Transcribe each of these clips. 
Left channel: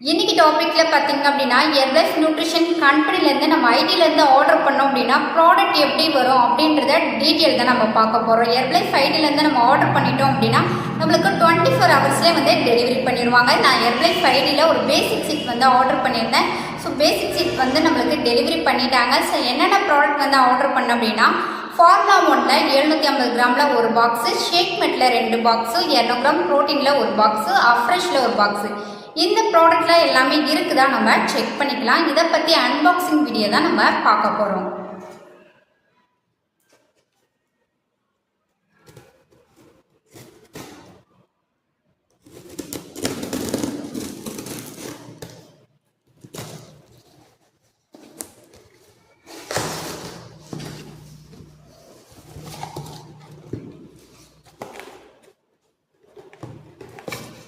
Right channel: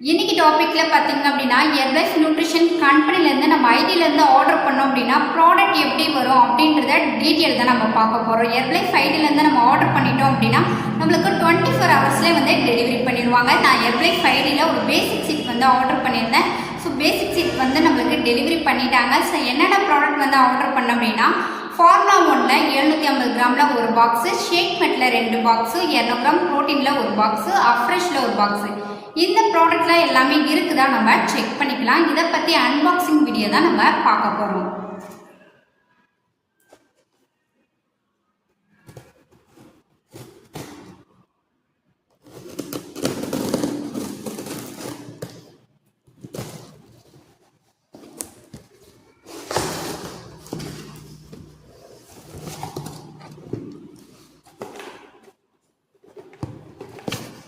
இன்னைக்கு டாபிக்ல பார்த்தீங்க அப்படின்னா எவரெஸ்ட் நியூட்ரிஷன் கம்பெனிலேருந்து நம்ம ஐடியிலேருந்து ஆர்டர் பண்ணோம் அப்படின்னா ப்ராடக்ட் எப்படி வரும் அப்படின்றத டீட்டெயில் தான் நம்ம பார்க்க போகிறோம். எவரெஸ்ட் ஐடியிலேருந்து நம்ம ஆர்டர் பண்ணிட்டோம் அப்படின்னா நம்மளுக்கு 24 ஹவர்ஸ்லேயே வந்து டெலிவரி பண்ணிடுவாங்க. நான் எவரெஸ்ட் ஐடியில் ஒரு பேசிக் சீட் வந்து ஆர்டர் பண்ணியிருந்தேன். ஸோ பேசிக் சீட் வந்து நம்மளுக்கு டெலிவரி பண்ணிட்டாங்க. ஸோ என்னென்ன ப்ராடக்ட் வந்து ஆர்டர் பண்ணோம் அப்படின்னா ஃபார்முலா 1ல் 750 கிராமில் ஒரு பாக்ஸு, ஷேக் மெட்டில் 2 பாக்ஸு, 200 கிராம் ப்ரோட்டீனில் ஒரு பாக்ஸு, அஃப்ரெஷில் ஒரு பாக்ஸு. இந்த ப்ராடக்ட்லாம் எல்லாமே இருக்குதா நம்ம செக் பண்ணிக்கலாம். இதை பற்றி அன்பாக்சிங் வீடியோ தான் நம்ம பார்க்க போகிறோம்.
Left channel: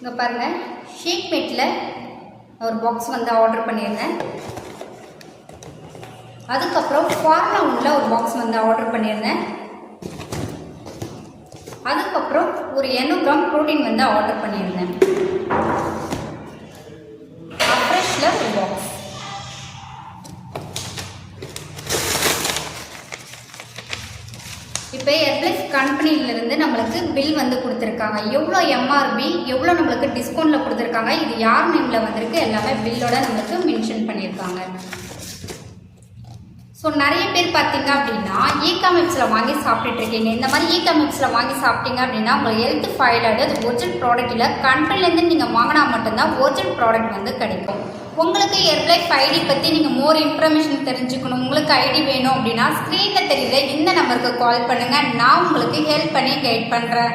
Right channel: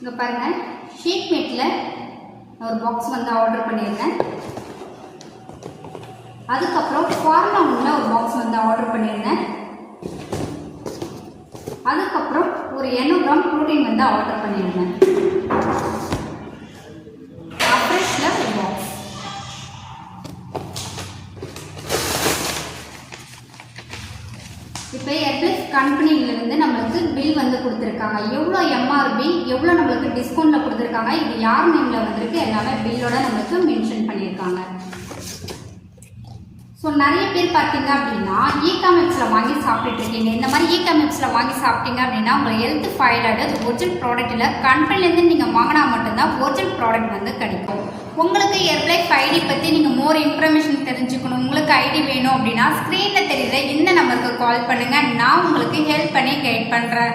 இங்கே பாருங்கள், ஷீட் மேட்டில் ஒரு பாக்ஸ் வந்து ஆர்டர் பண்ணியிருந்தேன். அதுக்கப்புறம் ஃபார்முலா 1ல் ஒரு பாக்ஸ் வந்து ஆர்டர் பண்ணியிருந்தேன். அதுக்கப்புறம் ஒரு 200 கிராம் ப்ரோட்டீன் வந்து ஆர்டர் பண்ணியிருந்தேன். அஃப்ரெஷில் ஒரு பாக்ஸ். இப்போ எவரெஸ்ட் கம்பெனியிலேருந்து நம்மளுக்கு பில் வந்து கொடுத்துருக்காங்க. எவ்வளோ எம்ஆர்பி, எவ்வளோ நம்மளுக்கு டிஸ்கவுண்ட்டில் கொடுத்துருக்காங்க, இது யார் நேமில் வந்திருக்கு எல்லாமே பில்லோட நம்மளுக்கு மென்ஷன் பண்ணியிருக்காங்க. ஸோ நிறைய பேர் பார்த்தீங்க அப்படின்னா இ-காமர்ஸில் வாங்கி சாப்பிட்டுருக்கீங்க. இந்த மாதிரி இ-காமர்ஸில் வாங்கி சாப்பிட்டீங்க அப்படின்னா உங்கள் ஹெல்த் ஃபைலாக அது ஒரிஜினல் ப்ராடக்ட்டில் கம்பெனிலேருந்து நீங்கள் வாங்கினா மட்டும்தான் ஒரிஜினல் ப்ராடக்ட் வந்து கிடைக்கும். உங்களுக்கு எவரெஸ்ட் ஐடி பற்றி நீங்கள் மோர் இன்ஃபர்மேஷன் தெரிஞ்சுக்கணும், உங்களுக்கு ஐடி வேணும் அப்படின்னா ஸ்க்ரீனில் தெரியுற இந்த நம்பருக்கு கால் பண்ணுங்கள். நான் உங்களுக்கு ஹெல்ப் பண்ணி கைட் பண்ணுறேன்.